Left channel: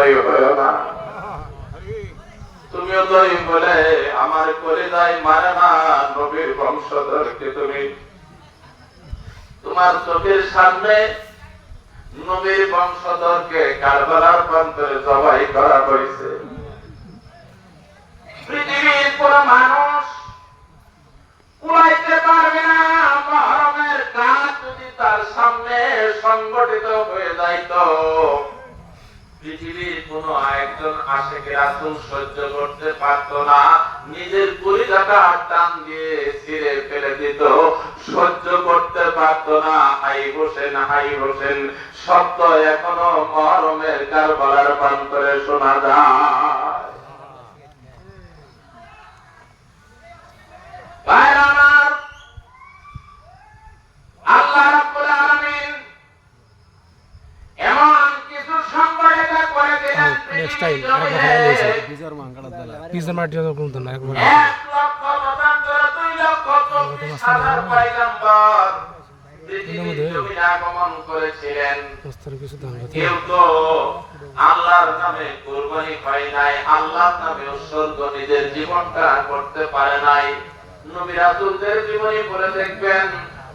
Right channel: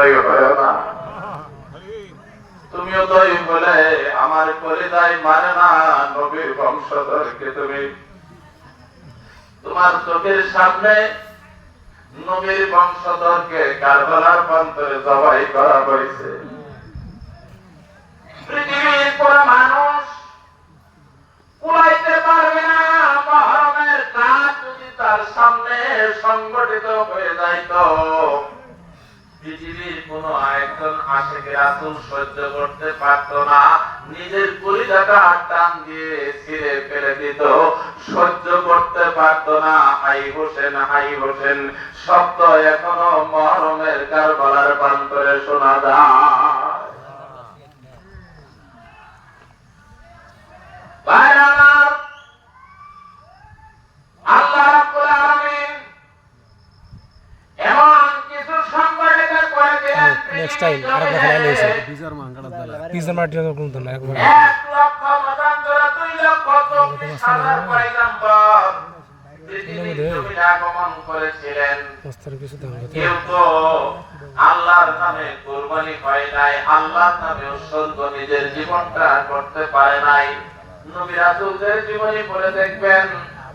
জয়ী হয়েও না। তুমিও জয়ী বলে আমার কলিজায় মানে না নবীর বংশধরকে। তুমি তোমার চোখের সামনে নবীর বংশধরকে কারবালার প্রান্তরে জবাই করা হয়েছে। পৃথিবীর কোন মানুষ কুলাইতে পারবে না মুহররমের রাত যদি তার সামনে সংগঠিত হয়ে যাইত। পৃথিবীর কোন একজন আশিকে রাসূল সহ্য করতে পারত না, নিজের কলিজাটা টান দিয়ে ছিঁড়ে ফেলে দিত, সহ্য করতে পারত না। হাই হোসেন শব্দ এখনো মুহররমের কারবালার প্রান্তরে শোনা যায়। আল্লাহ রাব্বুল আলামিন এমন কিছু সংগঠিত করে দিলেন। নেক্সট টাইম আরেকবার খেলা হইছে বিজার মাঙ্গাড়া দালা পিজার মাটিও তো কোন না একবার 1 লক্ষ মতান্তর 2 লক্ষ 24 হাজার পয়গম্বর পৃথিবীতে আগমন করেছিলেন। কেউ তো আল্লাহর নামে কুরবানি হয় নাই, আল্লাহর নামে উৎসর্গ নিজের জীবনটা করতে পারে নাই। নবী রাসূলদের জীবনী পড়ে দেখবেন,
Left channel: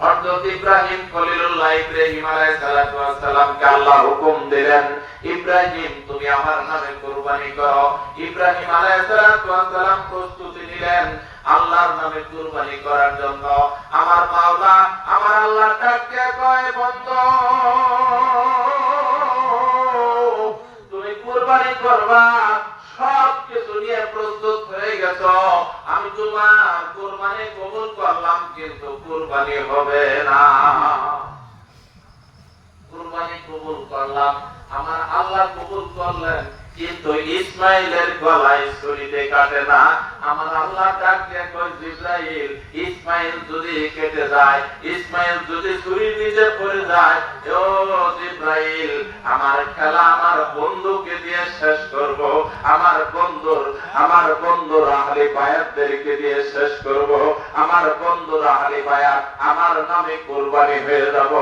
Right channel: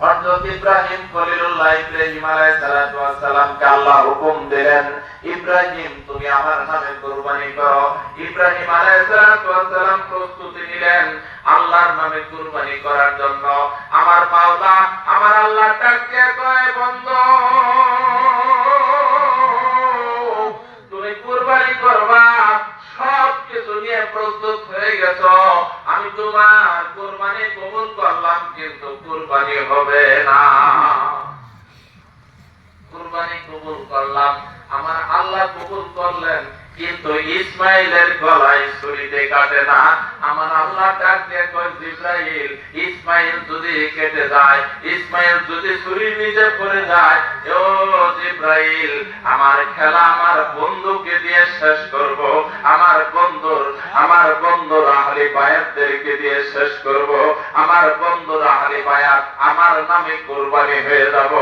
হযরত ইব্রাহিম খলিলুল্লাহ ইব্রাহিম আলাইহিস সালাতু ওয়াস সালামকে আল্লাহ হুকুম দিলেন, ইব্রাহিম তুমি আমার নামে কুরবানি করো। ইব্রাহিম আলাইহিস সালাতু ওয়াস সালাম প্রস্তুতি নিলেন আল্লাহর নামে কুরবানি করার জন্য। আমার মাওলা আমার আল্লাহ ডাকতে কয়, বন্ধু তুমি কুরবানি করবা, সব কিছু নিয়ে প্রস্তুত হয়ে গেছো, আমি তোমার কুরবানি কবুল করলাম, কিন্তু কুরবানি হবে না। কুরবানি কবুল করলাম, আমার আল্লাহ কবুল করলেন, কিন্তু ইসমাইলের গলায় ছুরিতে কাটে না। আমার আল্লাহ ডাক দিয়ে কয়, জিবরাইল ইসমাইল যদি কেটে যায়, ইসমাইল যদি ছুরি নিজে পড়ে যায়, ও জিবরাইল আমার খেলা আমার বন্ধুকে দিয়ে শেষ করব, আমার বন্ধুর আহলে বায়াতদেরকে দিয়ে শেষ করব, আমার বন্ধুর আহলে বায়াত আমার নামে কুরবানি হয়ে যাব,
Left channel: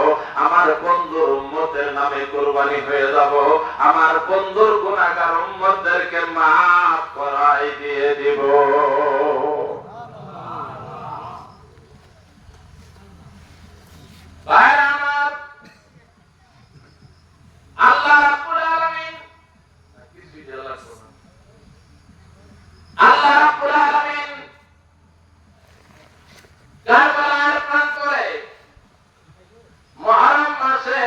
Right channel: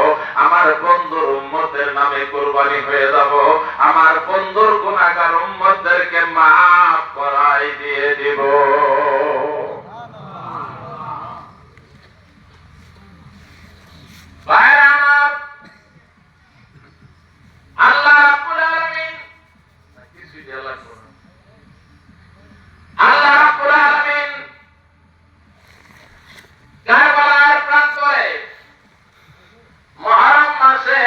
আমার বন্ধুর উম্মতের নামে কুরবানি হয়ে যাব, আমার বন্ধুর গুনাহগার উম্মতদেরকে maaf করাই দিয়ে দিব। ভাইরা আমার, আল্লাহ রাব্বুল আলামিন কারবালার প্রান্তরে মুহররম মাসে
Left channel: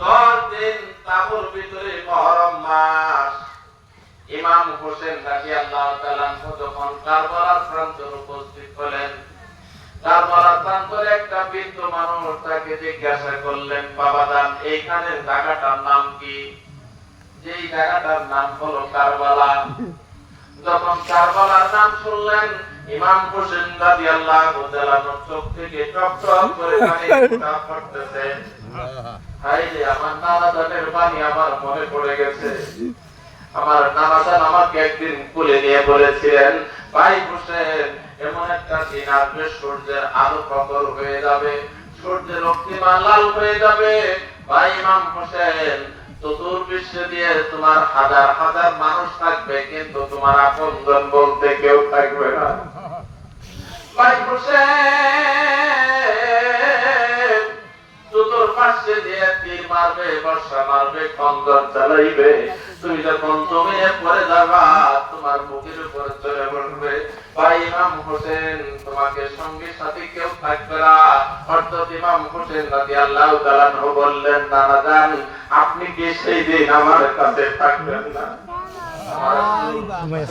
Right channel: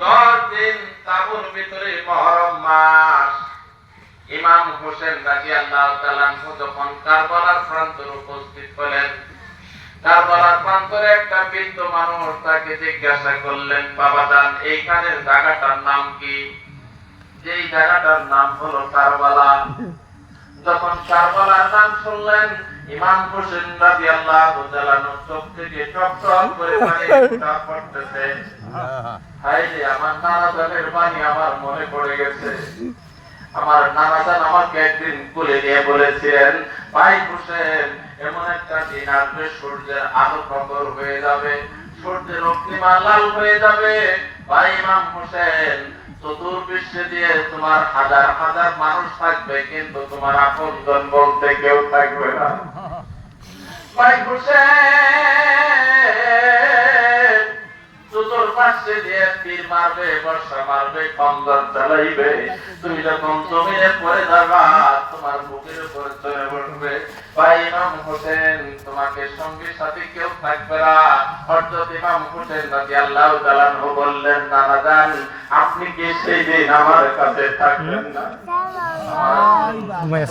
10 দিন তাবুর ভিতরে মুহররম মাস, ইমাম হোসেন রাদিয়াল্লাহু তাআলা যখন কারবালার প্রান্তরে উপস্থিত হলেন, কারবালার প্রান্তরে একটা বৃদ্ধ মানুষ তাকে জিজ্ঞাসা করলেন, বাবাজান এইখানের জায়গাটার নাম কি? যেই জায়গাটার নাম হলো কারবালা। যখন কারবালার নাম শুনলেন, ইমাম হোসেন রাদিয়াল্লাহু তাআলা চোখ থেকে টপ টপ করে পানি পড়তেছে। হায়রে আমার নানা জানের পানি আমার মনে পড়ে গেছে। আমার নানা জান আমাকে একদিন কোলে নিয়ে বলেছিলেন, ভাই হোসেন এমন একটা দিন আসবে সূর্যের আলো প্রখর হয়ে যাবে, সূর্যের রক্তিমা লাল হয়ে যাবে। ভাই ইমাম হোসেন চতুর্দিকে দিয়ে তোমার হাজার হাজার মানুষ থাকবে, কিন্তু তোমার আপনজন বলতে কেউ থাকবে না। ভাই হোসেন চতুর্পাশে দিয়ে তীর মারবে, বর্ষা মারবে, খঞ্জর চালাইবে, তুমি যখন জমিনে পড়ে যাবা তোমার বুকের উপর চলে বসবে। ভাই ইমাম হোসেন তোমাকে সঙ্গী সাথী কেউ থাকবে না। হযরত ইমাম হোসেন রাদিয়াল্লাহু তাআলা আনহু বললেন, নানা জান আপনি কি সেই দিন আমার কাছে থাকবেন না?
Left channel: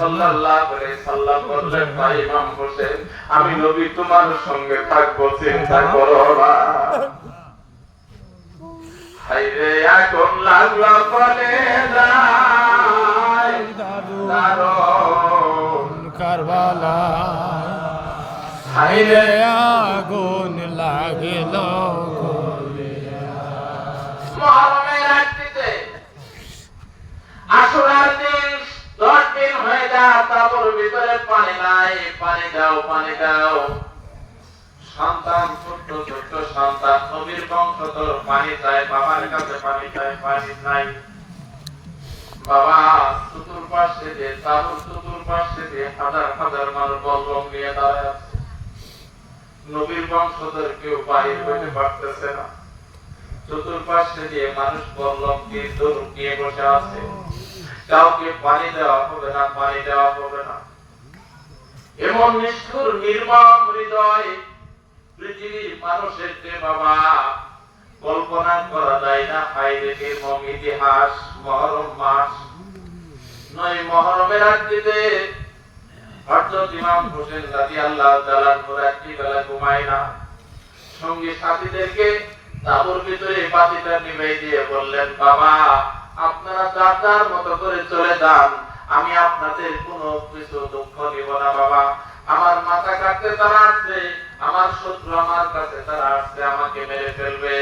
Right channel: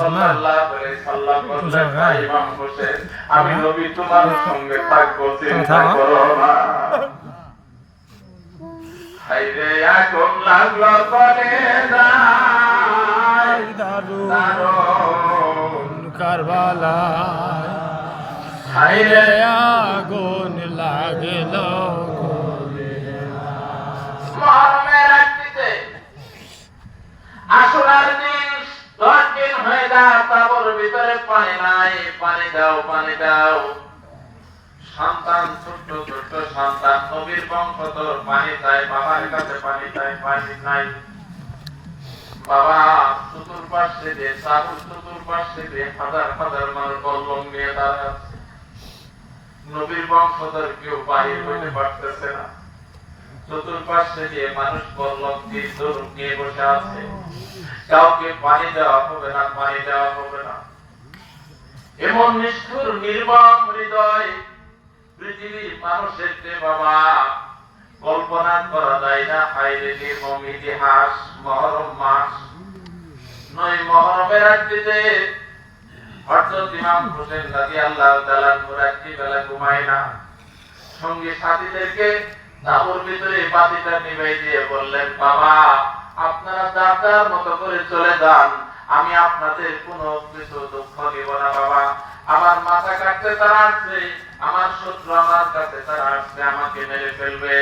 সাল্লাল্লাহু আলাইহি সাল্লাম বললেন, ভাই ইমাম হোসেন আমি নবী তোমার সঙ্গে থাকবো, চিন্তা করো না। হায়রে আগুন লাগলো বলে যায় দারুণ কারবালা, হায়রে আগুন লাগিল মুহররমের রাত্রিতে আশুরার দিন 10 দিন হয়ে যায়, তাবুর ভিতরে পানি নাই, পানি দাও পানি দাও। সন্তান ছোট্ট ছোট্ট সন্তান নবীর বংশধর পানি চায়, বাবার কাছে পানি চায়, পানি নাই। বাবা চতুর্পাশে দিয়ে তাবুর চতুর্পাশে দিয়ে হাজার হাজার মানুষ বলবম নিয়ে দাঁড়ায় আছে। নবীর বংশধর কেউ বাহির হইতে পারতেছে না। চতুর্পাশে দিয়ে মানুষ বলবম দিয়ে দৌড় নিয়ে বসে আছে। কাউকে পানি দেওয়া হবে না, পানি দেওয়া হবে না। এমন নিষ্ঠুর নির্মম হৃদয় পৃথিবীর মানুষের বাবা কল্পনা করা যায় না। হাই রেখে ইতিহাস মহরম মাস 9 মহরমের রাত্রিতে হযরত ইমাম হোসেন রাদিয়াল্লাহু তাআলা রাত্রি বেলা ঘুমায় না। সঙ্গী সাথীদেরকে তাঁবুর ভিতরে বাতিটা নিভিয়ে দিয়ে বললেন, বাবা আপনারা যার মতো করে চলে যান, আমি আপনাদের কোনো কিছু দুঃখ দিব না। বাবা আমার মাথা কাটতে তারা আসছে, আমার শত্রু আমার কাছে তারা আসছে, আমাকে মেরে ফেলবে।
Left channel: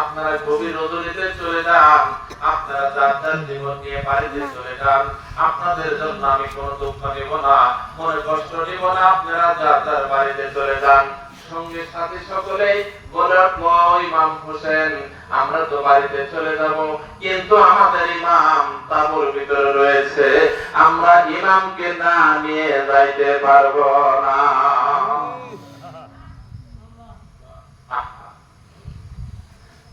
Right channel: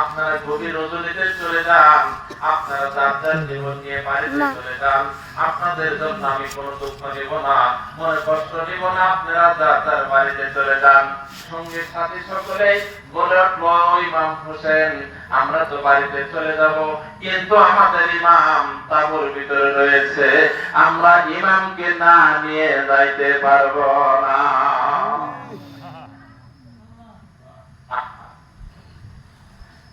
আপনারা গভীর রজনীতে চলে যান, আপনারা যার জীবন নিয়ে বাড়িতে চলে যান, আপনাদের জন্য আমি কোনো দুঃখ নিব না, মনে কষ্ট নিব না। আপনারা যার বাড়িতে চলে যান। সঙ্গে সাথী সকলে বলে উঠলো, ইমাম হোসেন আমরা তো বাড়িতে চলে যাব, কিন্তু আমাদের ইমাম তাঁবুর ভিতরে রয়েছে, আমরা ইমামকে না নিয়ে যাইতে পারবো না।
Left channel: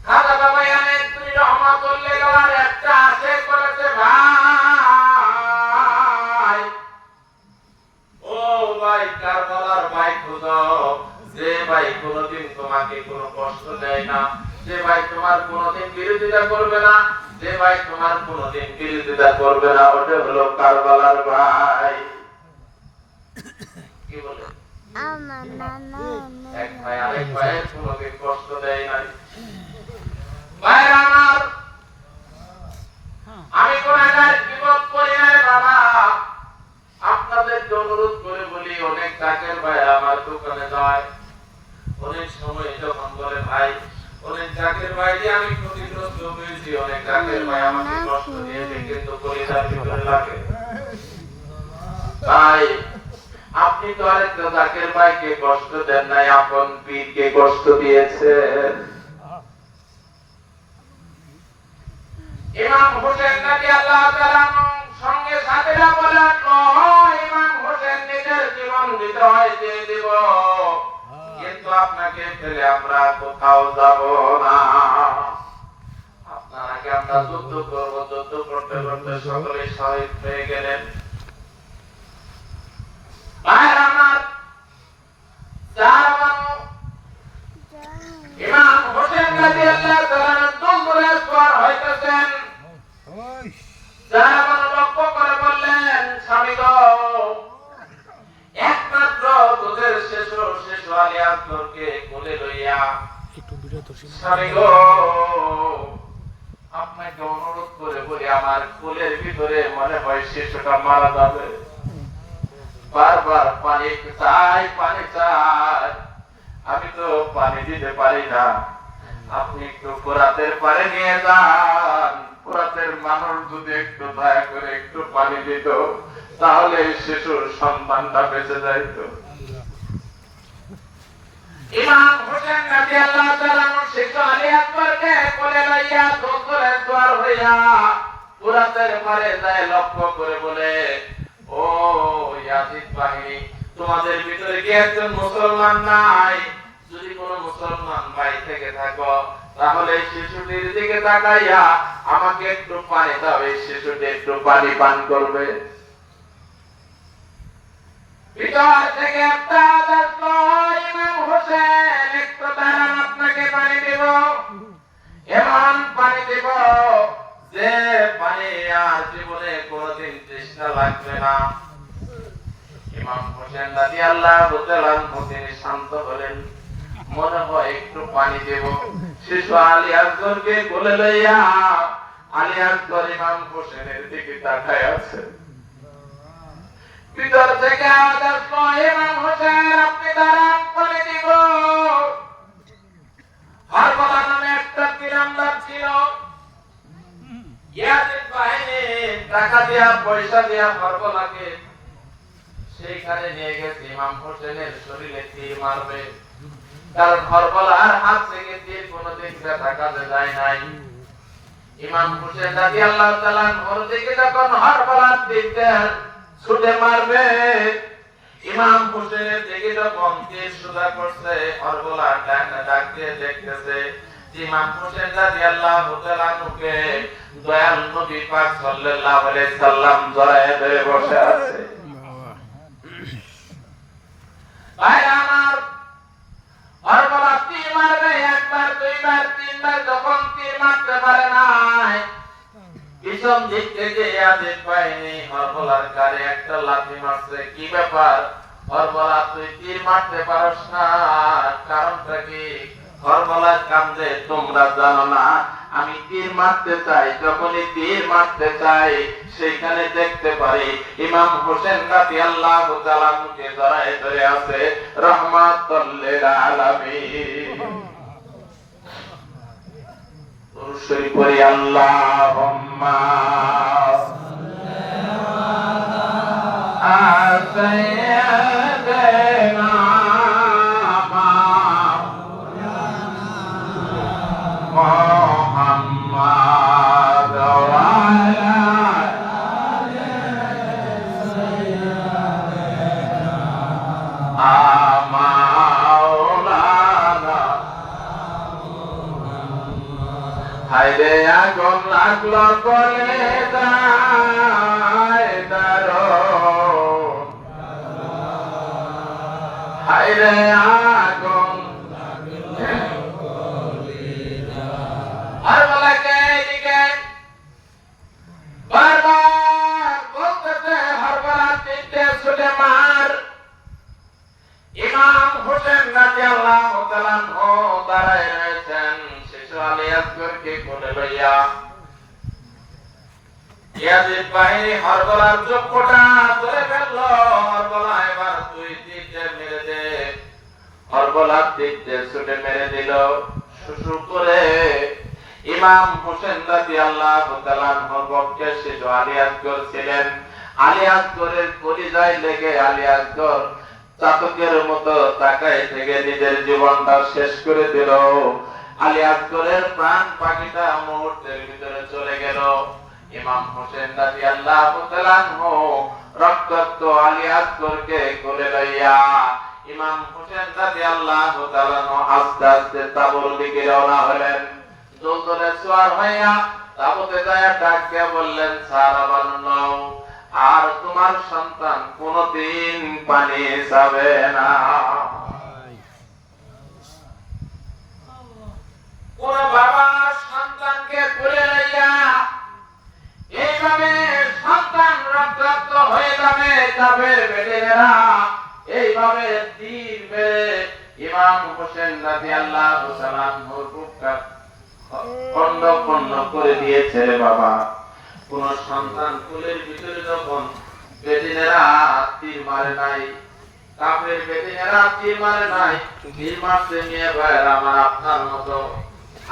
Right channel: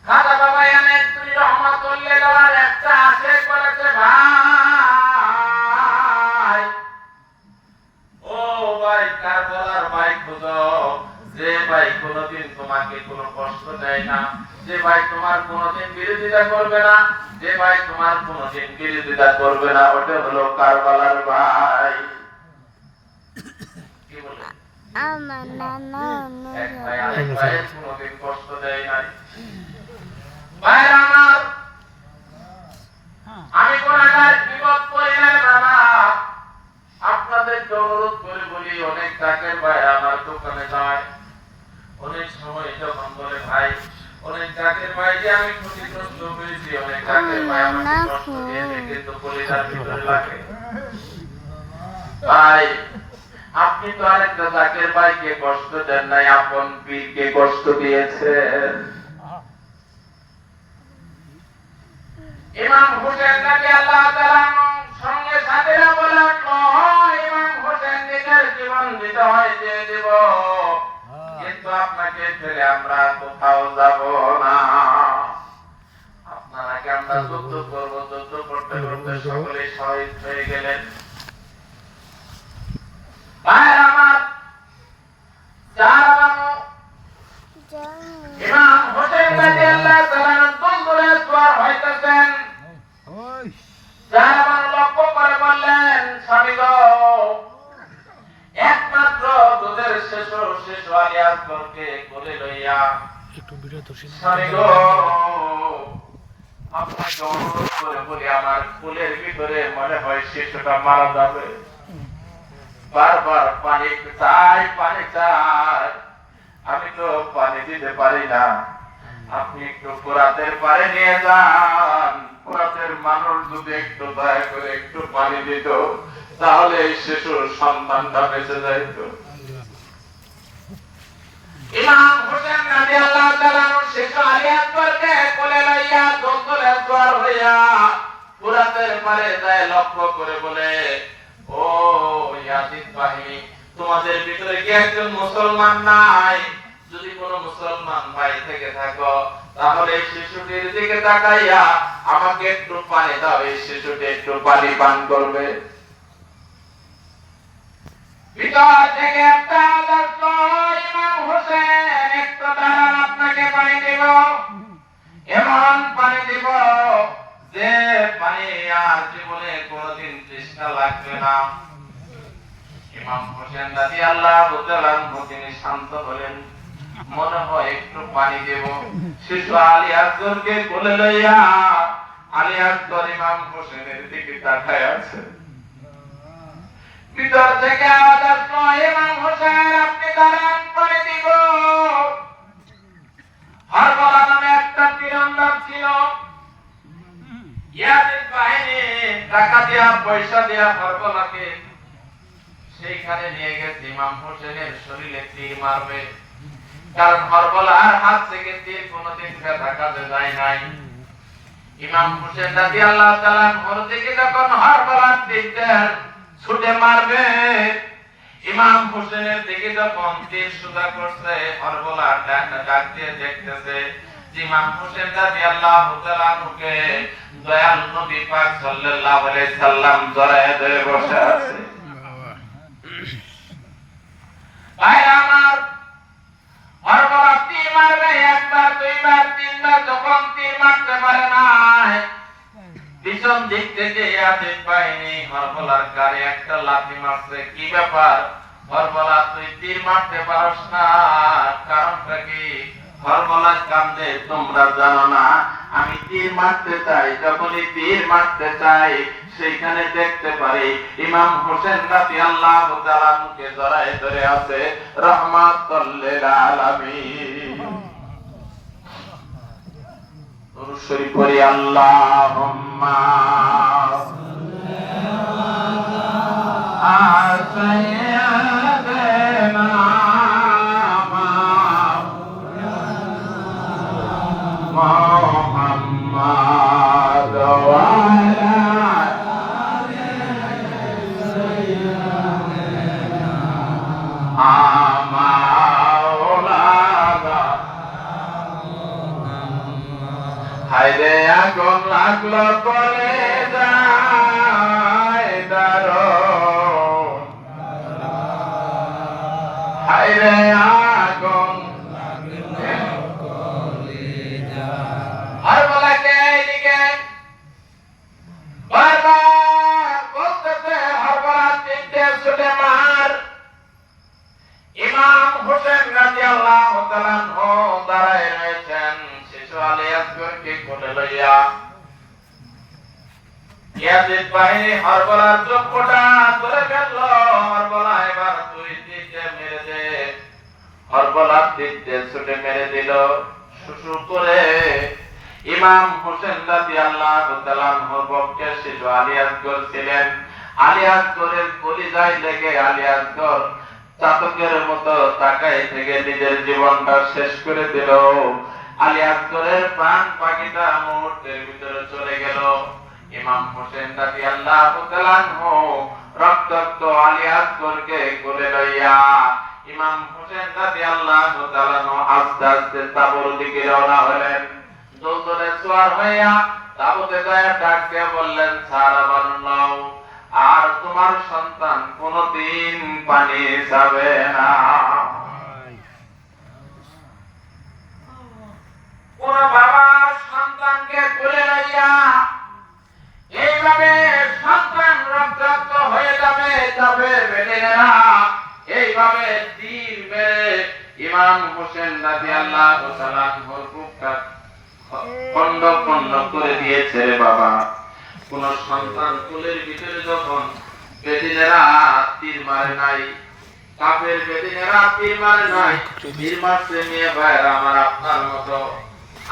খাজা বাবা ইয়ানেত্রী রহমাতুল্লাহ আলাইহি একটা আশা করেছে, ভাই ও ভাই কারবালার ভাই খুঁজো, যে ভাই কোনদিন তোমাকে কোনো কষ্ট দেয় না, যে ভাই তোমার কোনদিন বিরোধিতা করবে না, যে ভাই তোমার কোনদিন বিরোধিতা করবে না, ওটা হলো কারবালার ভাই। কি বলে এক ভাই আরেক ভাইয়ের কোনদিন কষ্ট দেয় নাই। ভাই আমার আমি কোনদিন বিপদ করি নাই বাবা, আপনাদেরকে অনুরোধ করে বলি, অনেক কাকের ভাই আমার দোকানে যায়, অনেক সময় যখন বলে ভাই অনেক কাকের ভাই যে আমি ক্ষতিগ্রস্ত হয়েছি, অনেক কাকের ভাই আমাকে কষ্ট দিয়েছে, কিন্তু কলিজার ভিতরে লাগে। ভাই আপনি তো আরেকটা কাকের ভাইকে কষ্ট দেন নাই, আপন পীরকে কষ্ট দিয়েছেন। ইমাম হোসেন রাদিয়াল্লাহু তাআলা সঙ্গে সাথীরা বলল, ইমাম হোসেন নিজের জীবন দিতে হয় দিয়ে দেব, কিন্তু আপনাকে ফেলে আমরা কোথাও যাব না। আপনাকে আমরা যুদ্ধ করবো, যুদ্ধ করতে করতে সকলে শহীদ হয়ে গেলেন। ভাইয়ের আমার ইমাম হোসেন রাদিয়াল্লাহু তাআলা বন্ধুরে সওয়ার হইতেছেন, যারা আমার লক্ষ্য করে বললেন, স্বামী গো একমাত্র তোদের শেষ আলিয়াতকে কোলে লইয়া একটু ভিডিও দর্শন স্বামী গো আপনাকে অনুরোধ করে বলি, আমার কোলের ভিতরে মনে হয় শিশুটা মারা যাবে, বারবার পানি চাই, পানি চাই, আমি তো পানি দিতে পারি না, আপনি একটু ফোরাতের পানি নিয়ে যান, ফোরাতের মানুষ যদি একটু দয়া করে একটু পানি দিত, তাহলে এই শিশুর সন্তানটা বেঁচে যাইত। ইমাম হোসেন রাদিয়াল্লাহু তাআলা শিশু আলী আকবরকে কোলে লইয়া দোতলে সওয়ার হইয়া ফোরাতের পারে যায়, লক্ষ্য করে বলে, ও ইয়াজিদ বাহিনী, তোমাদের ভিতরে কি একজন মুসলমান নাই? যদি কোনো মুসলমান ভাই থেকে থাকো, তাহলে এই শিশুটির দিকে তাকাইয়া আমাকে একটু পানি দাও, এই শিশুটি একটু পানি পান করবে। ভিতর থেকে একটা আওয়াজ, ইমাম হোসেন একটু দাঁড়ান, আপনাকে পানি দেব, এমন পানি দেব যে পানি আর জীবনে কোনদিন তৃষ্ণা লাগবে না। ইমাম হোসেন রাদিয়াল্লাহু তাআলা তিনি শান্ত হলেন, মনে হয় একটু পানি দেব। শিশু আলী আকবরকে কোলে লইয়া আলী আকবর ইমাম হোসেনের দিকে তাকায় আছে। ভিতর থেকে আওয়াজ আসলো, ইমাম হোসেন আপনি দাঁড়ান, পানি দিব। হারবালা নামে একটা তীরন্দাজ ছিল, ইয়াজিদ বাহিনী টাকা দিয়া পয়সা দিয়া হারবালাকে সেইখানে নিয়ে গেছে ইমাম হোসেনের শরীরে তীর মারবে, কারণ হারবালার হাত থেকে তীর কোনদিন ব্যথা কাজে যায় নাই। ইমাম হোসেন রাদিয়াল্লাহু তাআলা আনহুর দিকে যখন হরবলার তীর ছুটে মারবে, ইমাম হোসেনের দিকে যখন তীর সোজা করছে, হরবলা ডাক দিয়ে দেখতেছে ইমাম হোসেন রাদিয়াল্লাহু তাআলা আনহুকে দয়াল নবী পাক সাল্লাল্লাহু আলাইহি সাল্লাম জড়ায়ে ধরে বসে আছে। ভাই আমার, হরবলা তীর মারবে একবার, দুইবার, তিনবার, যখন তীর মারতে পারে না, পিছন দিক থেকে ইয়াজিদ বাহিনী হরবলার গায়ে একটা লাথি মারছে। কি ব্যাপার হরবলা, তুই তীর মারতে পারস না, কারণটা কি? হরবলা কান্দে, তোমরা জানো না আমি তীর মারতে চাই, যখনই তীর মারতে চাই সেইখানে দেখতে পারি ইমাম হোসেন রাদিয়াল্লাহু তাআলা মুখে জড়ায়ে ধরে আছে রাহমাতুল লিল আলামিন। দুরূদ পড়ি আল্লাহুম্মা সাইয়্যিদানা মুহাম্মাদ ওয়া আলা মাওলানা। হায়রে আগুন লাগলো বলে যায় দারুণ, হায়রে আগুন হরবলাকে এদিকে বারবার বলতেছে হরবলা তিনটে ছুটে মার। ইমাম হোসেন রাদিয়াল্লাহু তাআলা আনহু দাঁড়ায় রয়েছেন শিশু আলী আসগরকে কোলে লইয়া। ইয়াজিদ বাহিনী হরবলার চক্ষুটা ধরে ফেলল। হরবলা এবার তুই তিনটে মেরে দে। হরবলা তিনটে ছুটে মেরে দিল শুশু করে। ইমাম হোসেন রাদিয়াল্লাহু তাআলা আনহুর পক্ষে শিশু আলী আসগর ছিলেন। আলী আসগরের কলিজায় লেগে আলী আসগর চাতকের মতো তাকায় থেকে নিজের জীবনটা শেষ করে দিল। আলী আসগরের প্রাণ পাখিটা মুহূর্তের ভিতরে চলে গেল। ইমাম হোসেন রাদিয়াল্লাহু তাআলা আনহু রক্তাক্ত আলী আসগরকে কোলে লইয়া ইমাম হোসেন রাদিয়াল্লাহু তাআলা আনহু আস্তে আস্তে তাবুর দিকে রওনা হলেন। দোলদোলে সওয়ার হইয়া তাবুতে যায় ডাক দিয়ে বললেন, সারা বানাও, আর তোমার সন্তান কোনদিন পানি যাবে না। কোন বাবা সন্তানকে কোলে লইয়া এইভাবে সন্তান রক্তাক্ত হয়ে যাবে বেলেরা, এইভাবে তীর মেরে ইমাম হোসেন রাদিয়াল্লাহু তাআলা আনহুর বুকটা খন্ড খন্ড করে দিয়েছে রে বাবা। কোন সন্তান কোলের ভিতরে যখন বেদিনেরা তীর মারে নাই, কাফের বেদিনেরা তীর মারে নাই, তীর মারছে মেয়ে ভাইয়েরা আমার আপনার মতো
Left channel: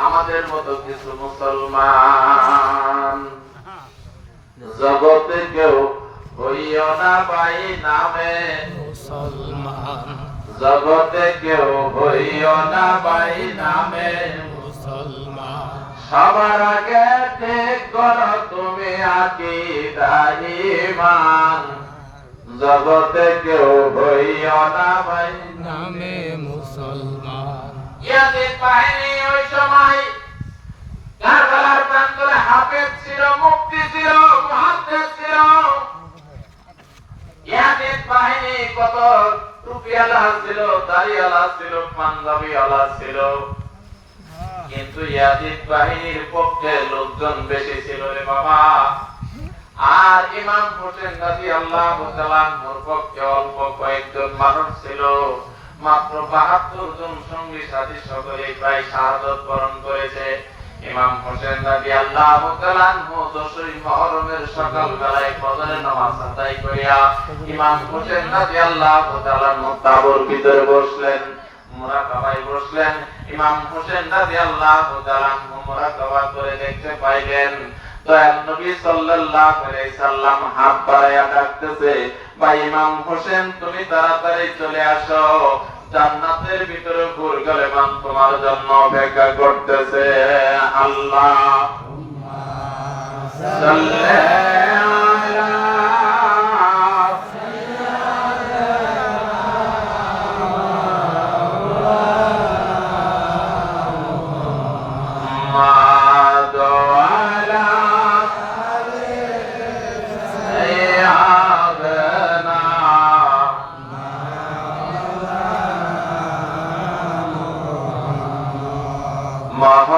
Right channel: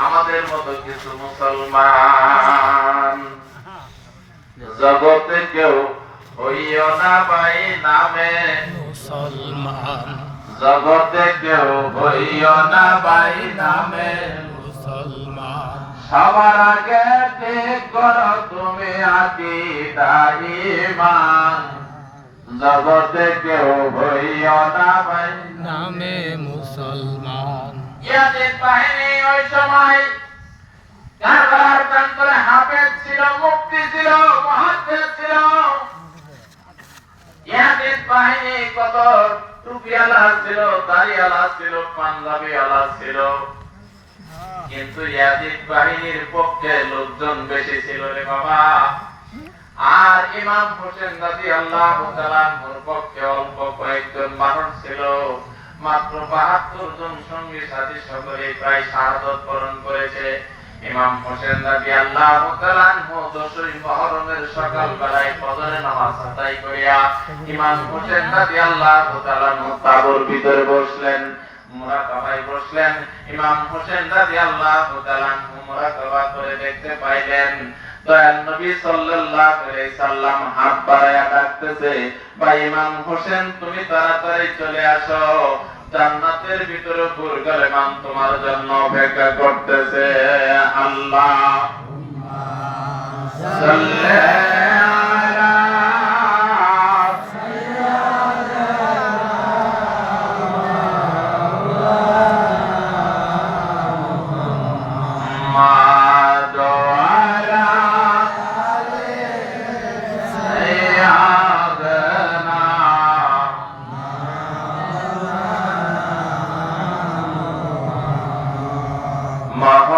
আমাদের মতো কিছু মুসলমান। জগতে কেউ হইও না ভাই নামে মুসলমান, জগতে কেউ হইও না ভাই নামে মুসলমান। সবার আগে ঠিক করো তুমি আকীদা ঈমান, জগতে কেউ হইও না ভাই নামে মুসলমান। ইয়াজিদ বাহিনী ওই সময় কারবালার প্রান্তরে হাফেজ ছিল, মুফতি ছিল, মুহাদ্দিস ছিল। ইয়াজিদ বাহিনী কত টুপিওয়ালা ছিল, দাড়িওয়ালা ছিল, পাঞ্জাবিওয়ালা ছিল, কিন্তু ইয়াজিদ বাহিনীর পক্ষে লোকজন বেশি ছিল রে বাবা। আর ইমাম হোসেন রাদিয়াল্লাহু তাআলা আনহুর পক্ষে অল্প কয়েকজন মানুষ ছিল। মাত্র ৭২ জন সঙ্গী সাথী সকলে প্রায় শাহাদাত বরণ করেছে। ইমাম হোসেন রাদিয়াল্লাহু তাআলা আনহু 10ই মুহররমের সকাল বেলায় ফজরের নামাজ আদায় করিয়া ইমাম হোসেন রাদিয়াল্লাহু তাআলা আনহু তাবুর ভিতরে বসলেন, মুরাকাবায় বসলেন। ইমাম হোসেন রাদিয়াল্লাহু তাআলা আনহু মুরাকাবা করে দেখতে পাইলেন দয়াল নবী সাল্লাল্লাহু আলাইহি সাল্লাম হাত বাড়ায়া ডাকতেছে, ভাই ইমাম হোসেন তুমি তাড়াতাড়ি চলে আসো, জান্নাতের ভিতরে ফুরগালেমান তোমার জন্য অপেক্ষা করতেছে। আল্লাহ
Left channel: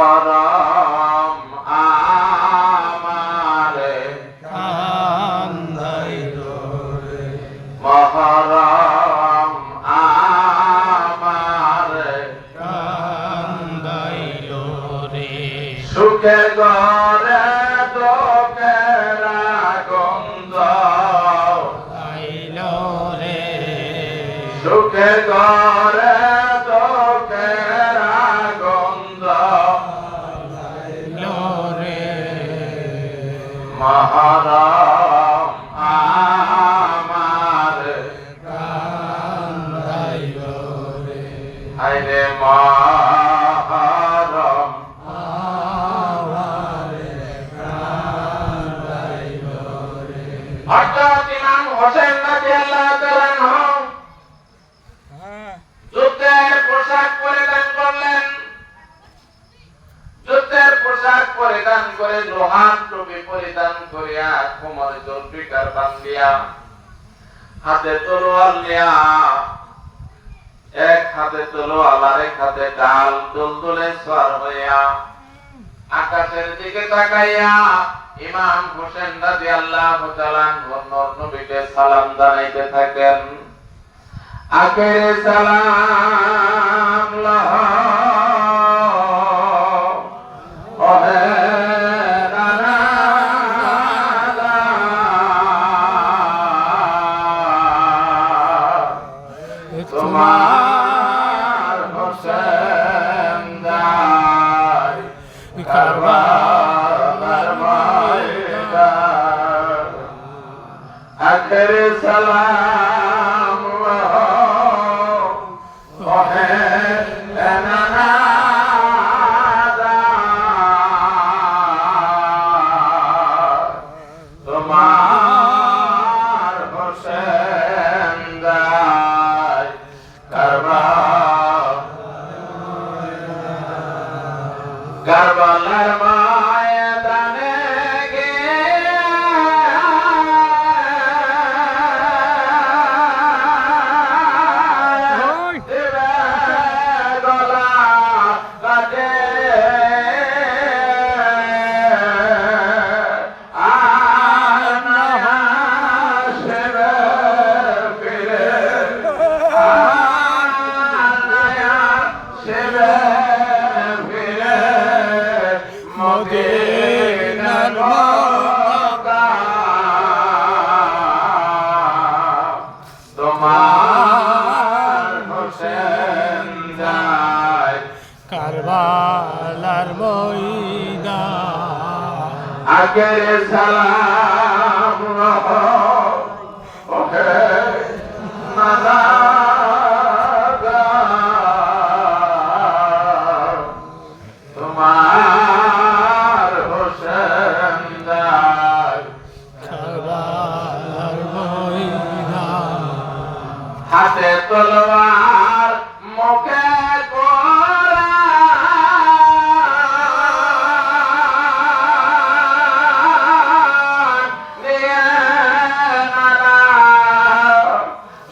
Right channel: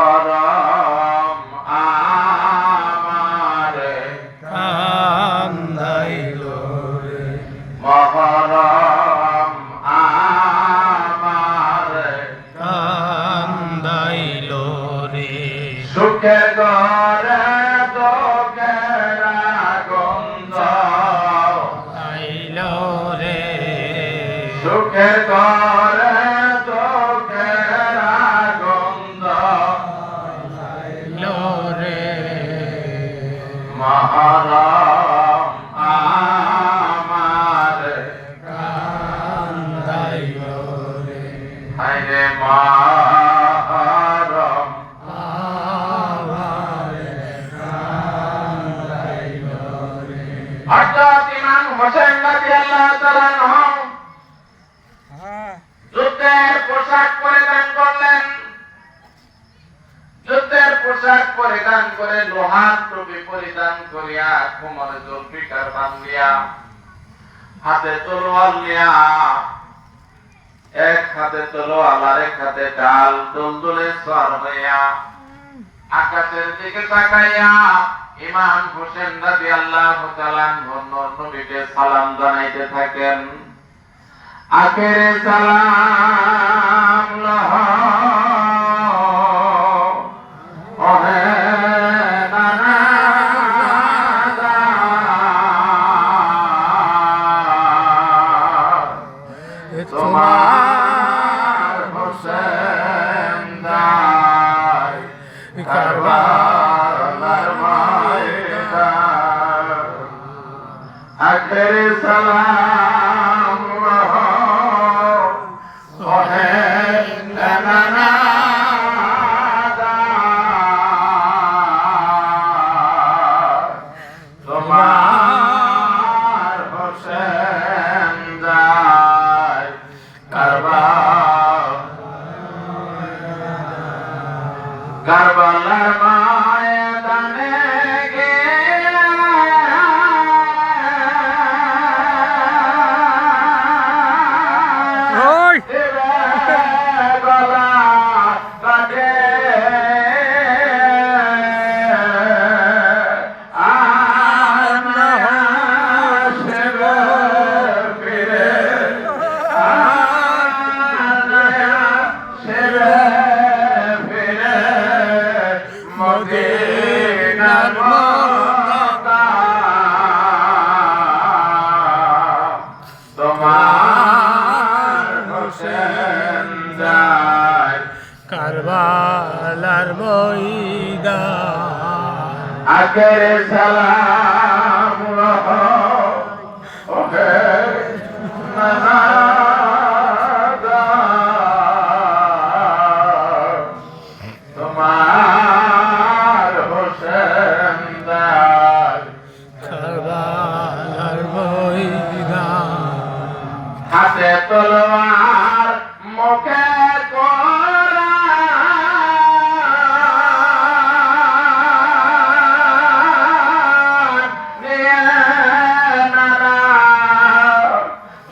মহরম আমারে কান্দাইল রে মহরম আমারে কান্দাইল রে সুখে গরে দোকের গন্ধ আইল রে সুখে গরে দোকের গন্ধ আইল রে মহরম আমারে কান্দাইল রে হায়রে মহরম আমারে কান্দাইল রে হযরত ইমাম হোসেন রাদিয়াল্লাহু তাআলা আনহু যুদ্ধের পোশাক পরিধান করলেন যুদ্ধের পোশাক পরিধান করে লোহার টুপি পরিধান করিয়া কোমরে জলপিকার বান্ধিয়া হাতে তলোয়ার নিয়া এক হাতে তলোয়ার আর এক হাতে ডাল দুলদুলে সওয়ার হইয়া আকাশের দিকে তাকাইয়া ইমাম হোসেন রাদিয়াল্লাহু তাআলা আনহু নবীকে সালাম জানাইতে থাকেন। আখেরে সালাম লাহা ওহে নানা তোমার হোসেন দাই কারবালার ময়দান আখেরে সালাম লাহা ওহে নানা তোমার হোসেন দাই কারবালার ময়দানে মদিনার মক্কা তোমার হোসেন যায় কারবালার ময়দান আগের সালাম ওহে নানা তোমার হোসেন যায় কারবালার ময়দান হাতে তলোয়ার মুখে কোরআন নিয়ে নানা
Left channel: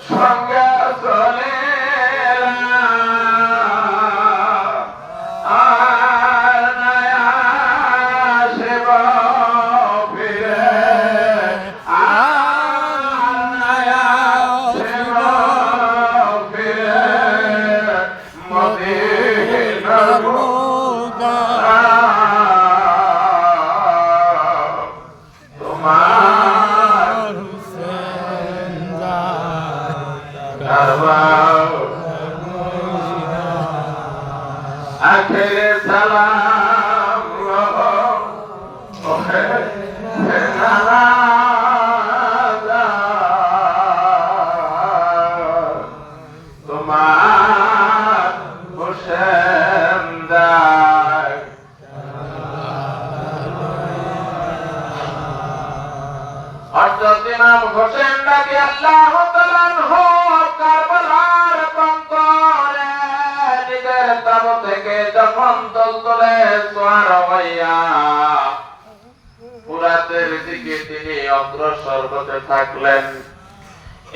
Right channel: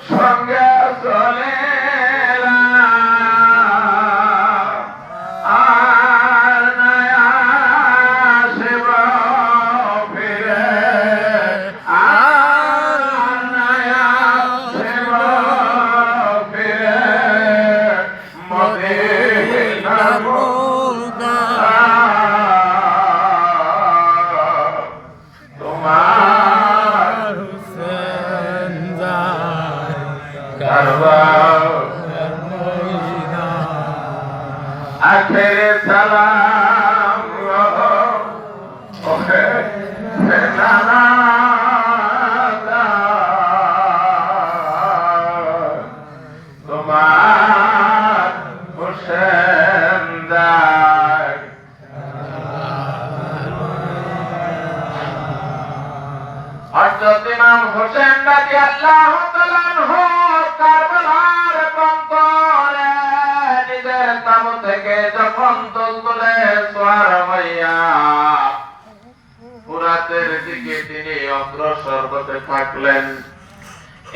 সঙ্গে চলে আর নয়া শিব ফিরে আর নয়া শিব ফিরে মদিনার তোমার হোসেন যায় কারবালার ময়দান আখেরে সালাম ওহে নানা তোমার হোসেন দায় হযরত ইমাম হোসেন রাদিয়াল্লাহু তাআলা আনহু কারবালার প্রান্তরে নিজের তাবু থেকে যখন দলদলে সওয়ার হইয়া ফুরাতের দিকে তিনি অগ্রসর হতে থাকলেন।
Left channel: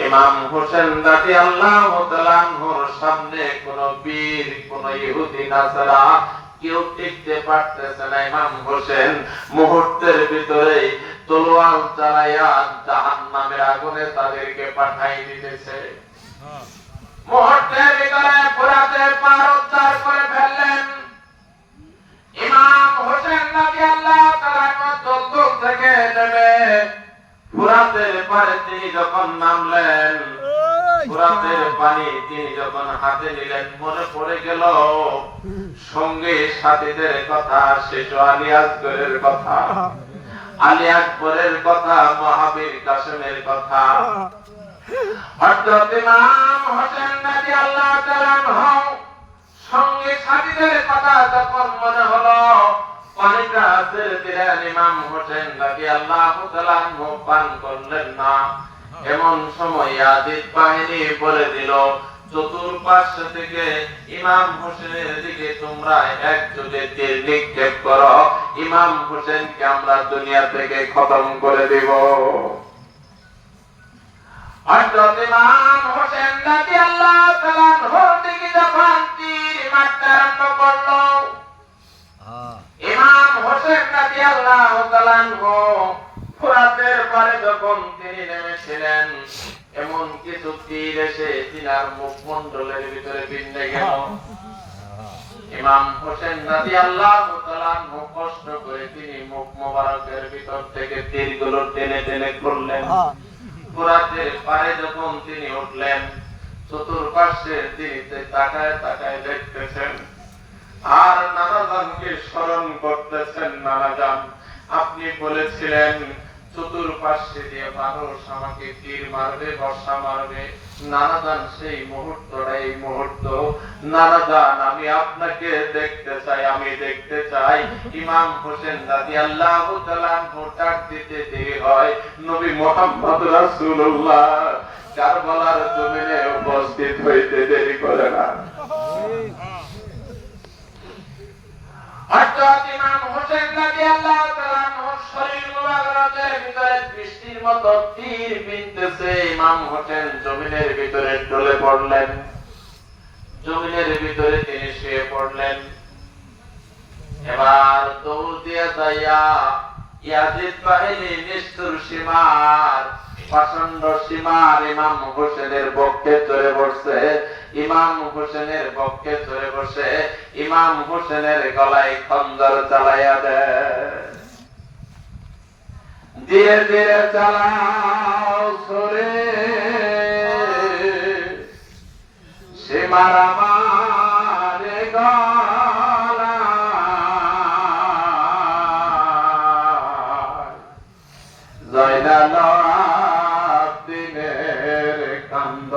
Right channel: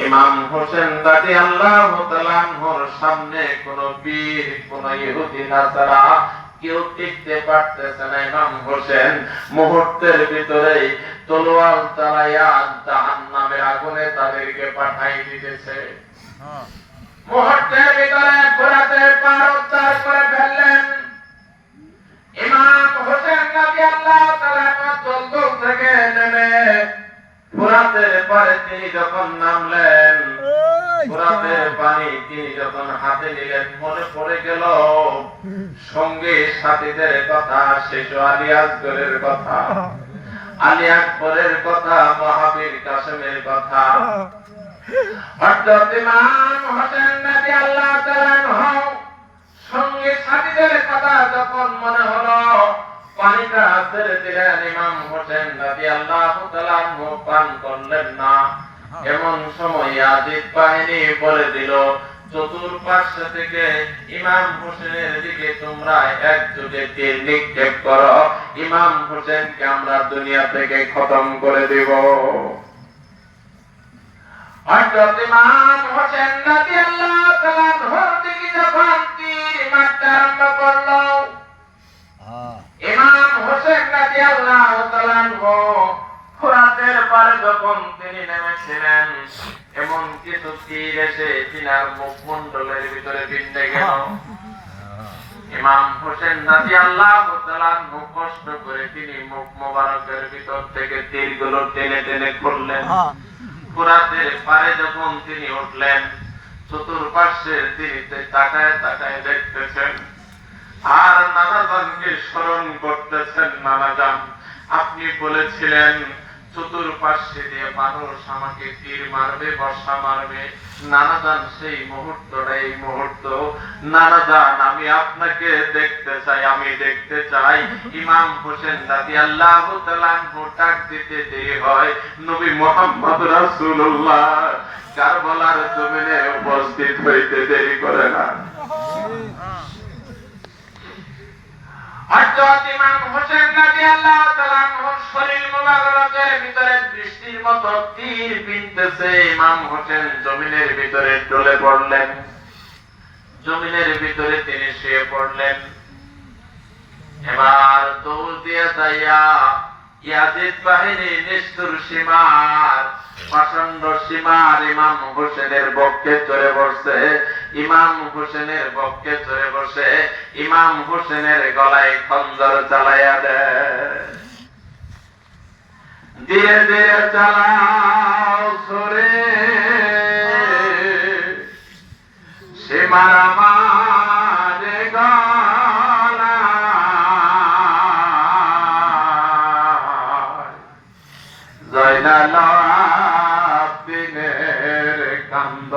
ইমাম হোসেন রাদিয়াল্লাহু তাআলা আনহুর সামনে কোন বীর, কোন ইহুদি নাসারা কেউ টিকতে পারতেছে না। ইমাম হোসেন মুহূর্তের ভিতরেই তলোয়ার চালাইয়া জাহান্নামের আগুনে তাদেরকে পাঠাই দিতেছে। মুহূর্তের ভিতরে ফুরাতের পার উদ্ধার করে ফেললেন। ইমাম হোসেন রাদিয়াল্লাহু তাআলা দলদল থেকে নেমে ফুরাতের পারে তিনি যখন নামলেন, ফুরাতের পানি তিনি যখন হাতে নিলেন, মনে পড়ে গেল সঙ্গে সাথীদের কথা, শেষ আলী আসগরের কথা, আলী আকবরের কথা, মহাবীর কাসেমের কথা। হযরত ইমাম হোসেন রাদিয়াল্লাহু তাআলা আনহু সঙ্গে সাথীদের কথা যখন মনে হলো, পানিটা ছেড়ে দিলেন। ইমাম হোসেন রাদিয়াল্লাহু তাআলা আনহু পান করলেন না। এমন সময় ইয়াজিদ বাহিনী বলে দিল, চতুর্পার্শ্ব থেকে ইমাম হোসেনের দিকে তোমরা একযোগে তীর নিক্ষেপ করো, ইমাম হোসেনকে আমরা দুনিয়া থেকে খতম করে দেব। হযরত ইমাম হোসেন রাদিয়াল্লাহু তাআলা আনহুর দিকে যখন তীর মারতে আরম্ভ করলো, ইমাম হোসেন রাদিয়াল্লাহু তাআলা আনহু ফুরাতের পারে যখন তিনি নেমেছিলেন, এমন কিছু তীর এসে তিনার মুখমণ্ডলের ভিতরে বিঁধে গেল। ইমাম হোসেন রাদিয়াল্লাহু তাআলা আনহু কষ্ট করে তিনি মুখ মোবারকের ভিতর থেকে তীরগুলো টেনে টেনে খুললেন। ফুরাতের পারে যখন তিনি উঠলেন, চতুর্পার্শ্বে তিনি তাকায় তাকায় দেখতেছেন আর নানাজানকে স্মরণ করতেছেন। নানাজান, আপনি বলেছিলেন চতুর্পার্শ্বে দিয়ে মানুষ আমাকে তীর মারবে, বর্ষা মারবে। নানাজান, সেই মুহূর্তটা এই মুহূর্ত। নানাজান, আমি আপনাকে দেখতে চাই, আমি দেখতে চাই। ইমাম হোসেন রাদিয়াল্লাহু তাআলা আনহু ডাক দিতে দেরি হয়, নবী মুহাম্মদ রাসূলুল্লাহ কারবালার জমিনে উপস্থিত হইতে দেরি করে না। হযরত ইমাম হোসেন রাদিয়াল্লাহু তাআলা আনহুর শরীর মুবারকের ভিতরে বৃষ্টির মতো তীর বিঁধতেছে। ইমাম হোসেন জমিনের ভিতরে ঢলে পড়লেন, জমিনের ভিতরে তিনি শুয়ে পড়লেন। এবার দৌড় দিয়ে যাইয়া ইয়াজিদ বাহিনী নিষ্ঠুর সীমার, প্রচন্ড সীমার ইমাম হোসেনের বক্ষে চড়ে বসে, ইমাম হোসেনের বক্ষে চড়ে বসে ইমাম হোসেনের গলায় খঞ্জর চালাইয়া দেয়। ধীরে ধীরে চালাও সরে, সীমার আমার গলা জয়নাল আব্দিনের কান্দ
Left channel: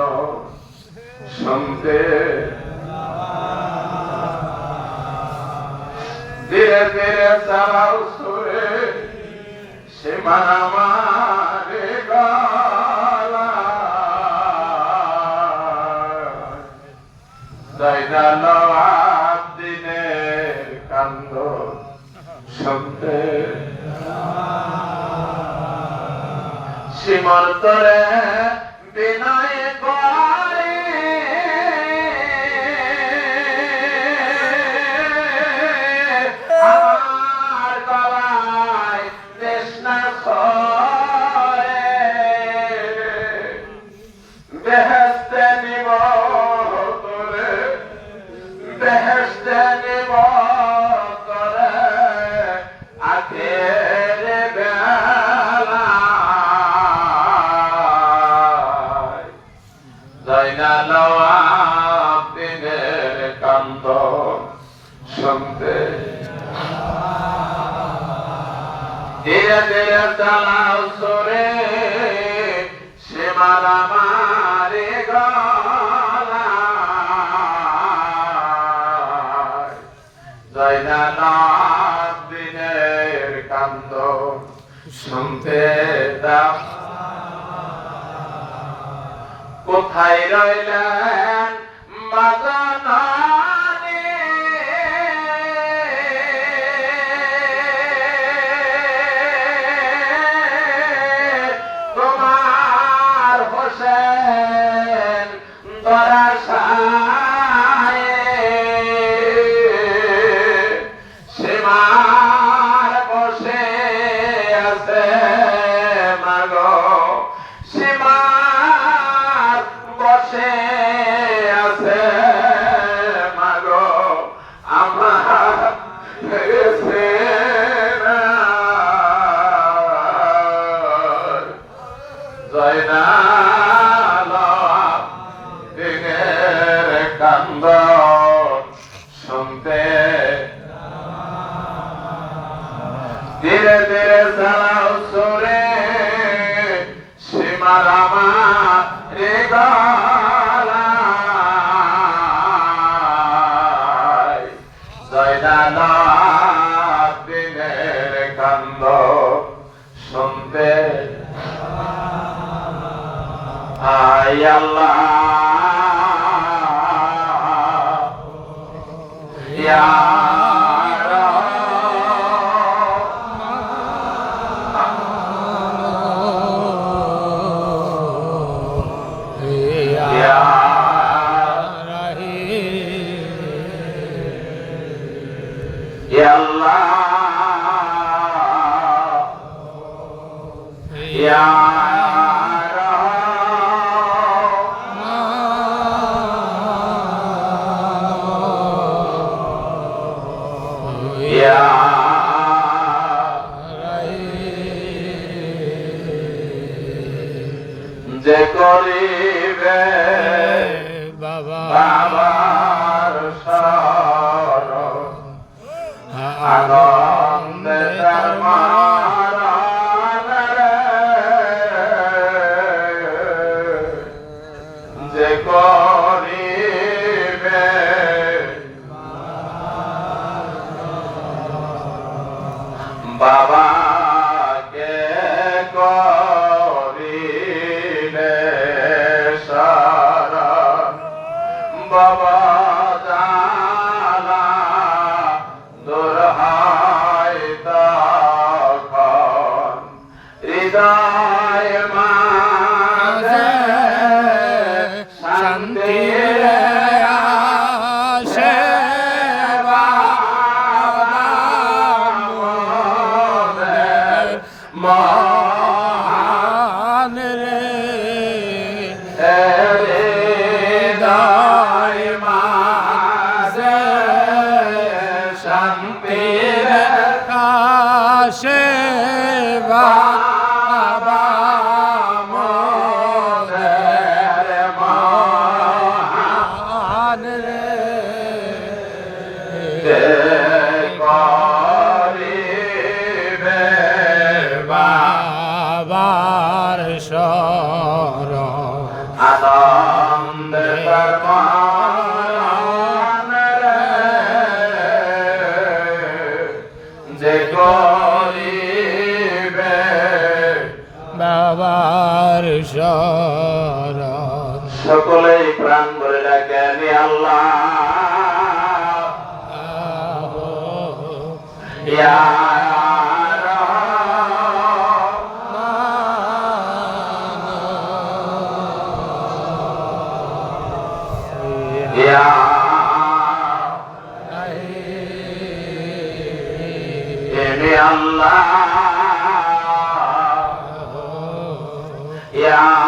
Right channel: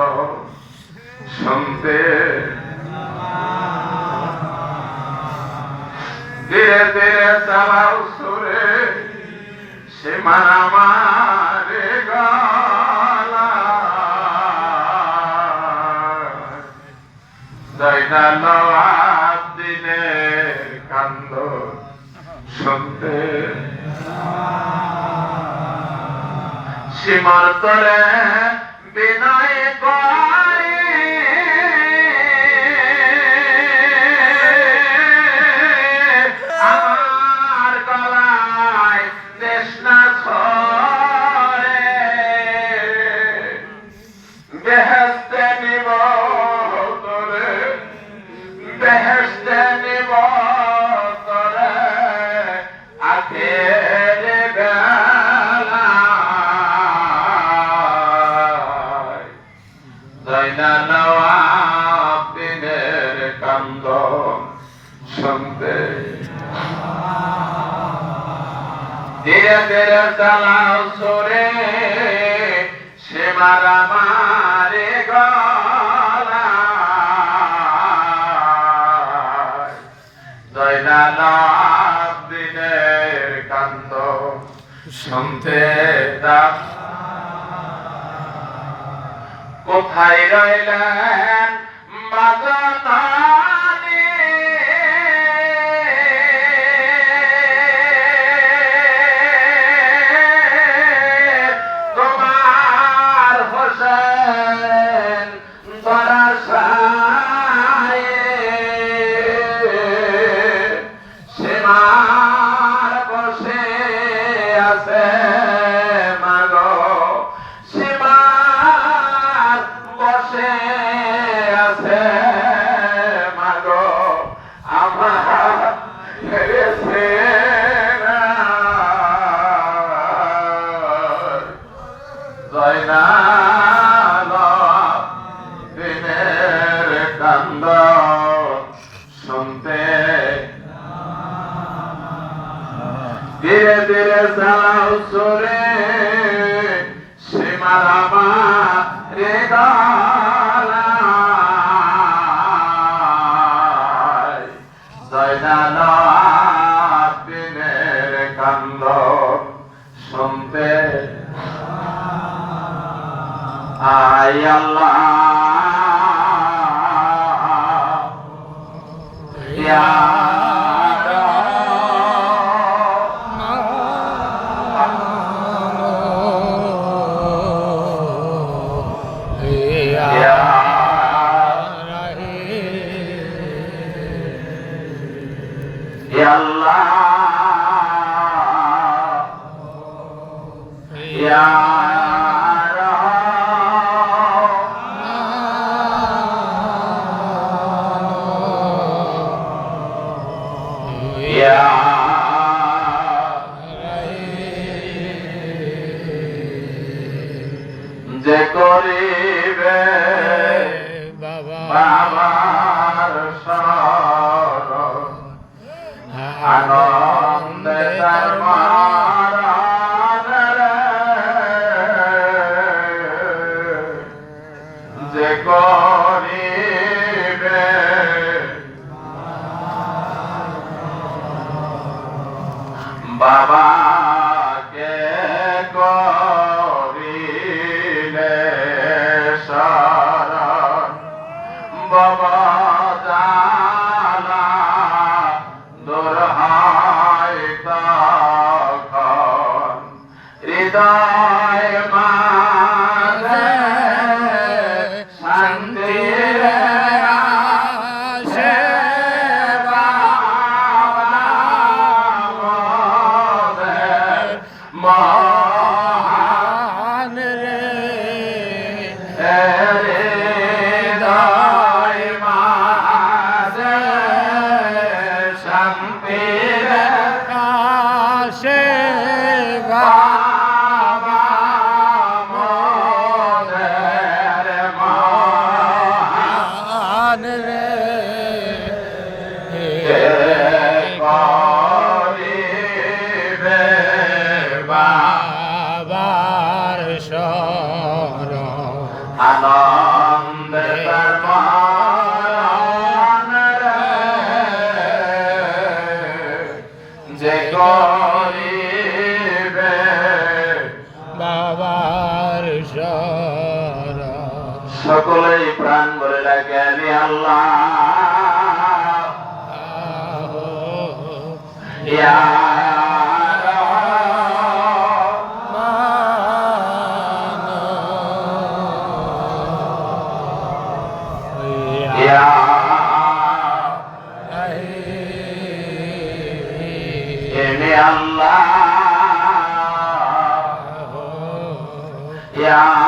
শুনতে। ধীরে ধীরে চালাও সুরে, সীমার আমার গলা জয়নাল আব্দিনের কান্দ শুনতে। সীমার তরে বিনয় করে আমার গলায় তৃষ্ণা ছড়ে, বেহেশতে নিব তোরে, বেহেশতে নিব তোরে আখের বেলা জয়নাল আব্দিনের কান্দ শুনতে। ধীরে ধীরে চালাও সরে, সীমার আমার গলা জয়নাল আব্দিনের কান্দ শুনতে দাও। কোথায় রইলেন মাগনানি তোমার হোসেন দরাসায় সীমার বসে আছে মাগো সীমার বসে আছে মাগো আমার জয়নাল দিনের কান্দ শুনতে ধীরে ধীরে যাও সরে সীমার আমার হৃদয় জয়নাল দিনের কান্দ শুনতে আয় আল্লাহ ইয়া যে করিবে বাবার শরণ আনন্দে তার মারান রে যে করিবে বাবাকে করিলে শরণ বাবা জালা দূর হয় তখন হৃদয় মাঝে শান্তি আসে মহান হৃদয় মাঝে শান্তির কাশে বাবা মোদের মহান করিবে বাবার শরণ আনন্দ তার মান যে করিবে বাবার শরণ সকলেই প্রাণ ভরে লাগেন আল্লাহ ইয়া Allah ya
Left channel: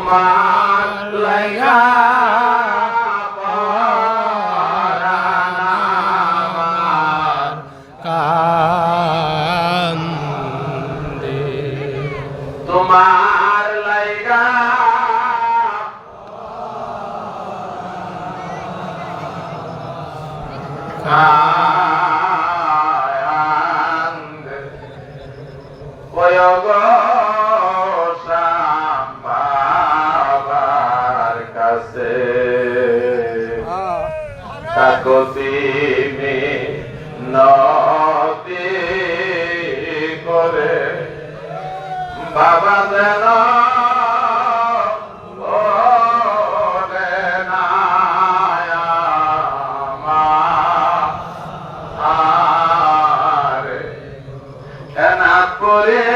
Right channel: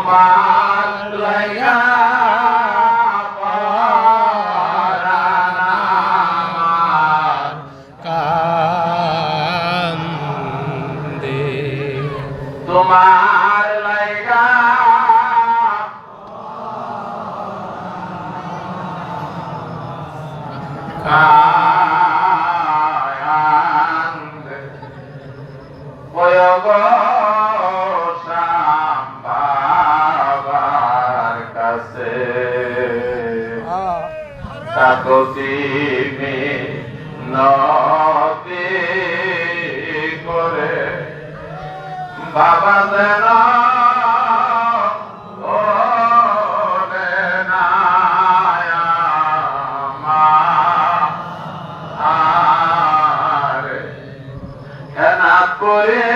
তোমার লাগা পরাণ কান্দে তোমার লাগা লাখতি নদী করে বাবা যেন ওরে না আমার এনা করে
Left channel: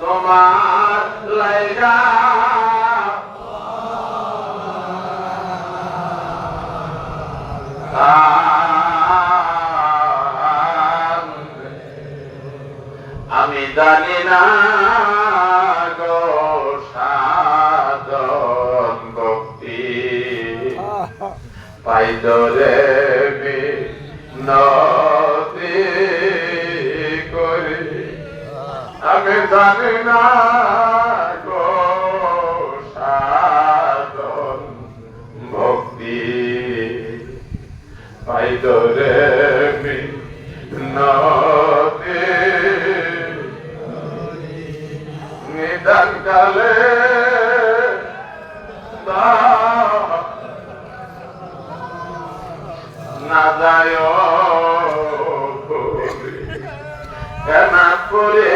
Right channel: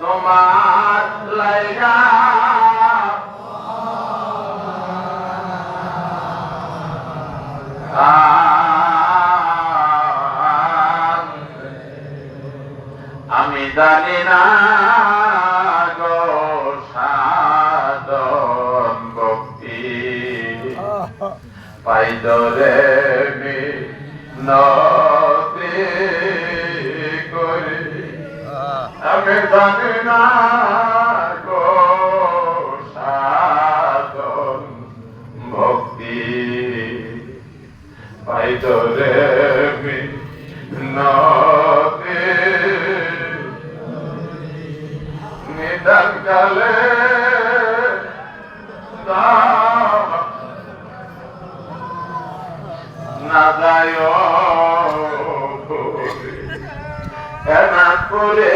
তোমার লাইগা আমি জানি না গো সাধন ভক্তি পাইদরে নদী করে আমি জানি না গো সাধন ভক্তি পাইদরে নদী নিদান কালে না যায় কেনা করে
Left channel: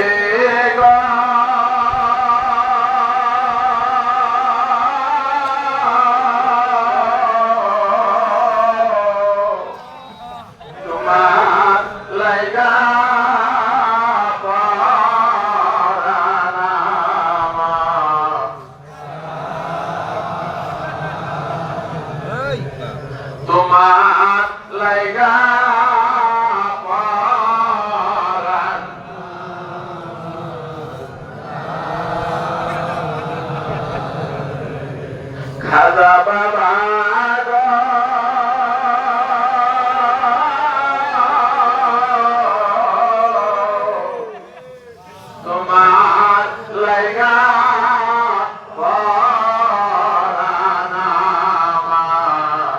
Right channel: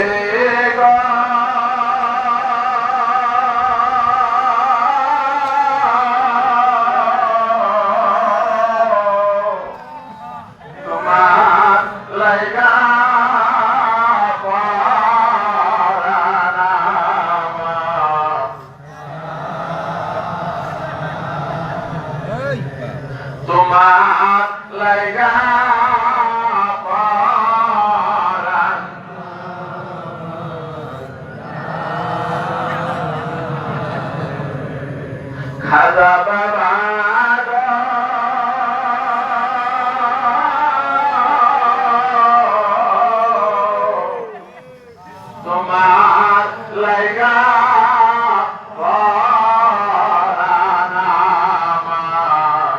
তোমার লাইগা তোমার লাইগা পরাণ খাজা বাবা গো তোমার লাইগা পরাণ আমার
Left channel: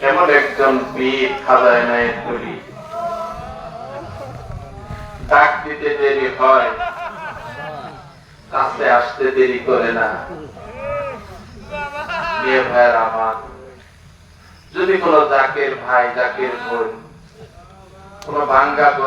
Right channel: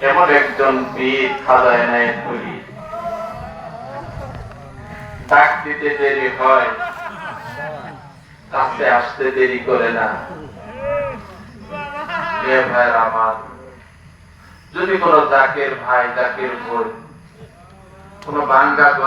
কেমন একজন পীর খাজায় নাই করি ডাক দিতে দেরি হয় কাছে আসতে দেরি করে না মেয়ে ভাইয়ের আমার যদি কোনো জাকের ভাই জাকের বোন কোনো ভাঙ্গা করে